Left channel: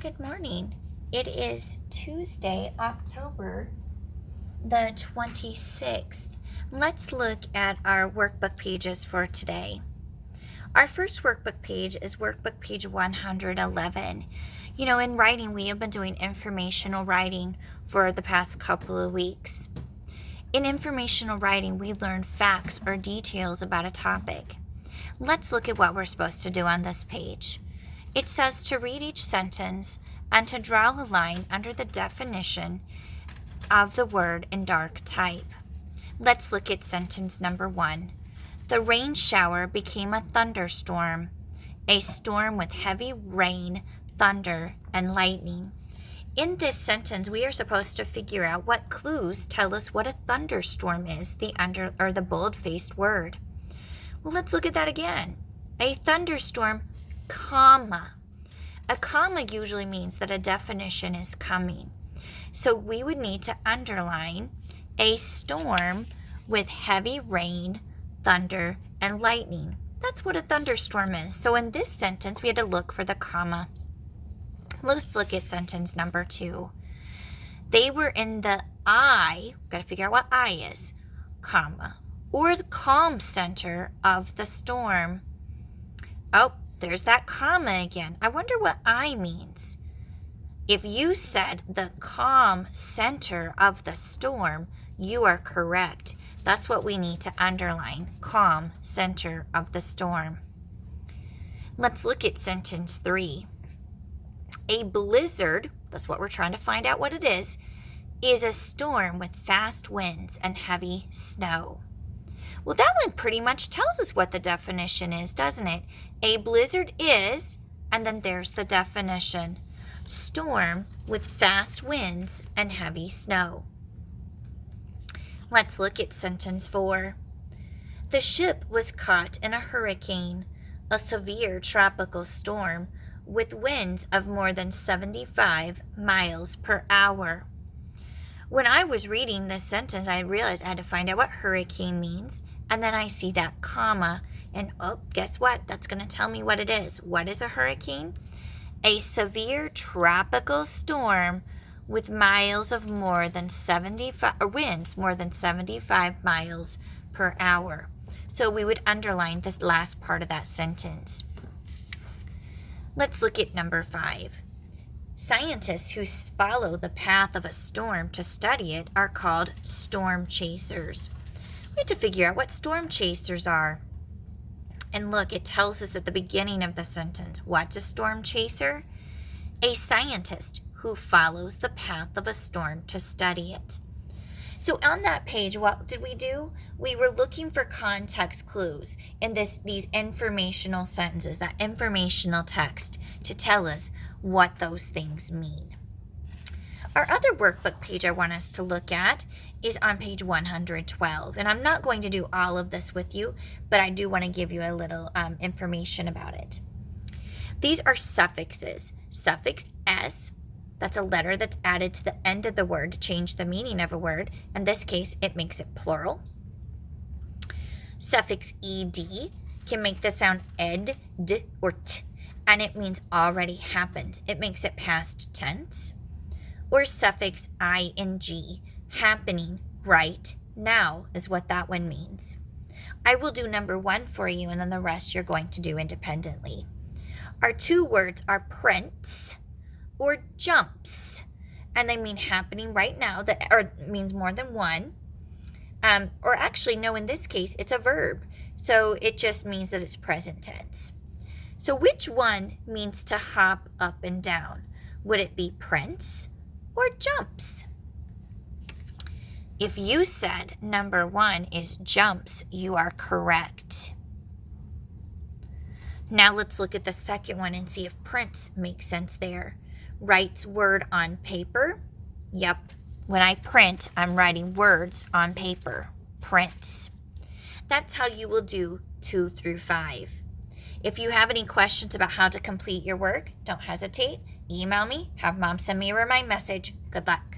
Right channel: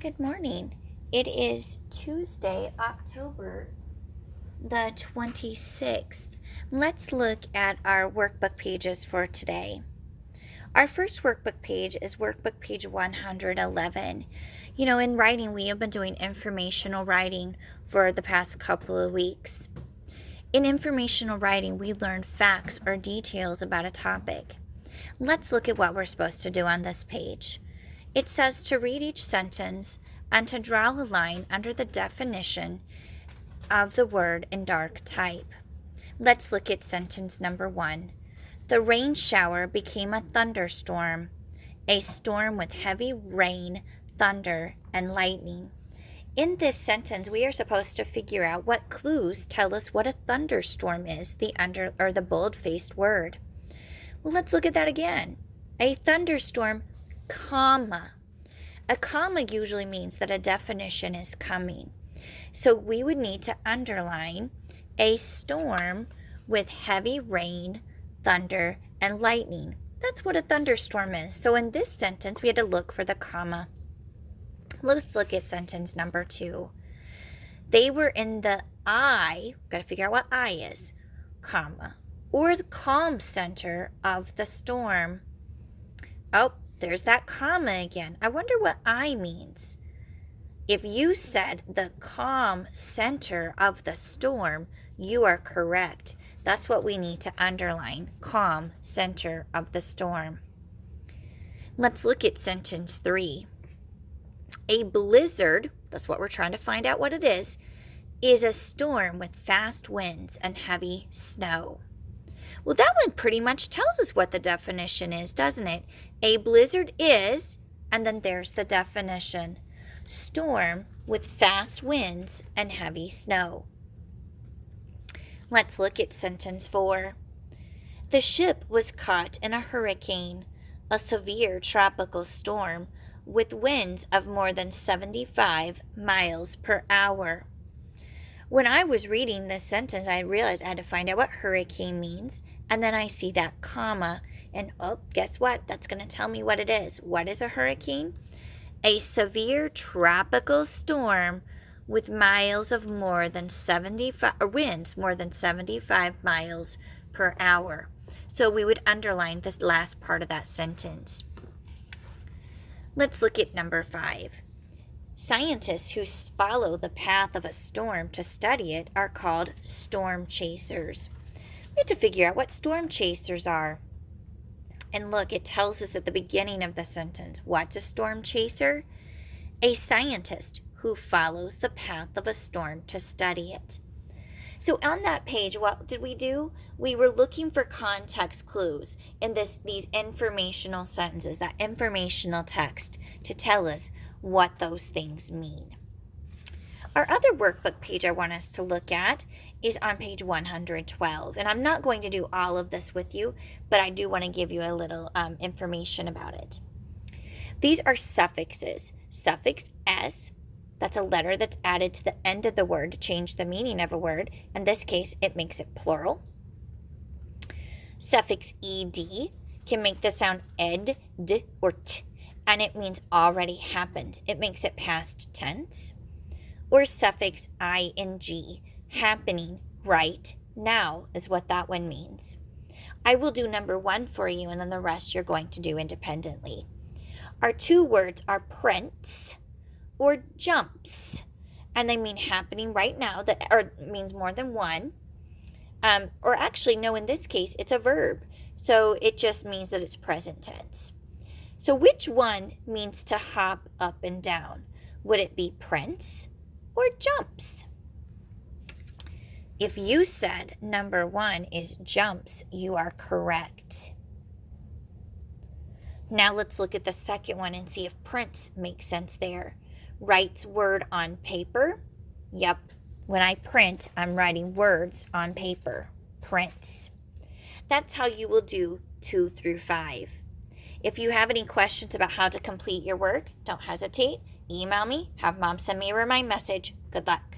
Good morning. It is Tuesday, October the 26th. Let's look at our workbook pages for today. Our first workbook page is workbook page 111. In writing, we have been doing informational writing for the past couple of weeks. In informational writing, we learn facts or details about a topic. Let's look at what we're supposed to do on this page. It says to read each sentence and to draw a line under the definition of the word in dark type. Let's look at sentence number 1. The rain shower became a thunderstorm, a storm with heavy rain, thunder, and lightning. In this sentence, we are supposed to figure out what clues tell us what a thunderstorm is, the bold-faced word. Well, let's look at that again. A thunderstorm, comma. A comma usually means that a definition is coming. So we would need to underline a storm with heavy rain, thunder, and lightning. That's what a thunderstorm is. So in this sentence, we had to look for the comma. Let's look at sentence number 2. They were in the eye, got to figure out what eye is, comma, or the calm center of the storm. Oh, there's that comma again. I wonder what eye means. If you said the calm center of the storm, you are correct. That's what we need to underline, calm center of the storm. Let's look at sentence 3. A blizzard, that's what we're trying to find out what it is a storm with fast winds and heavy snow. Well, that one pretty much tells us what the definition is, doesn't it? A blizzard is, and then there's the definition, storm with fast winds and heavy snow. Let's look at sentence 4. The ship was caught in a hurricane, a severe tropical storm with winds of more than 75 miles per hour. When I was reading this sentence, I realized I had to find out what hurricane means, and then I see that comma, and guess what? That's going to tell me what it is. What is a hurricane? A severe tropical storm with winds more than 75 miles per hour. So we would underline this last part of that sentence. Let's look at number 5. Scientists who follow the path of a storm to study it are called storm chasers. We have to figure out what storm chasers are. And look, it tells us at the beginning of the sentence, what's a storm chaser? A scientist who follows the path of a storm to study it. So on that page, what did we do? We were looking for context clues in these informational sentences, that informational text, to tell us what those things mean. Our other workbook page I want us to look at is on page 112. And I'm not going to do all of this with you, but I do want to give you a little information about it. These are suffixes. Suffix S, that's a letter that's added to the end of the word to change the meaning of a word. In this case, it makes it plural. Suffix ed can make the sound ed, d, or t, and it means already happened. It makes it past tense. Or suffix ing, happening right now is what that one means. I will do number 1 for you, and then the rest you're going to do independently. Our 2 words are prints or jumps, and they mean happening right now, or means more than one. Or actually, no, in this case, it's a verb, so it just means that it's present tense. So which one means to hop up and down? Would it be prints or jumps? If you said number 1 is jumps, you are correct. Now let's look at the second one and see if prints make sense there. Writes word on paper. Yep, when I print, I'm writing words on paper. Prints. That's how you will do 2 through 5. If you have any questions about how to complete your work, don't hesitate. Email me, have Mom send me a remind message. Good luck.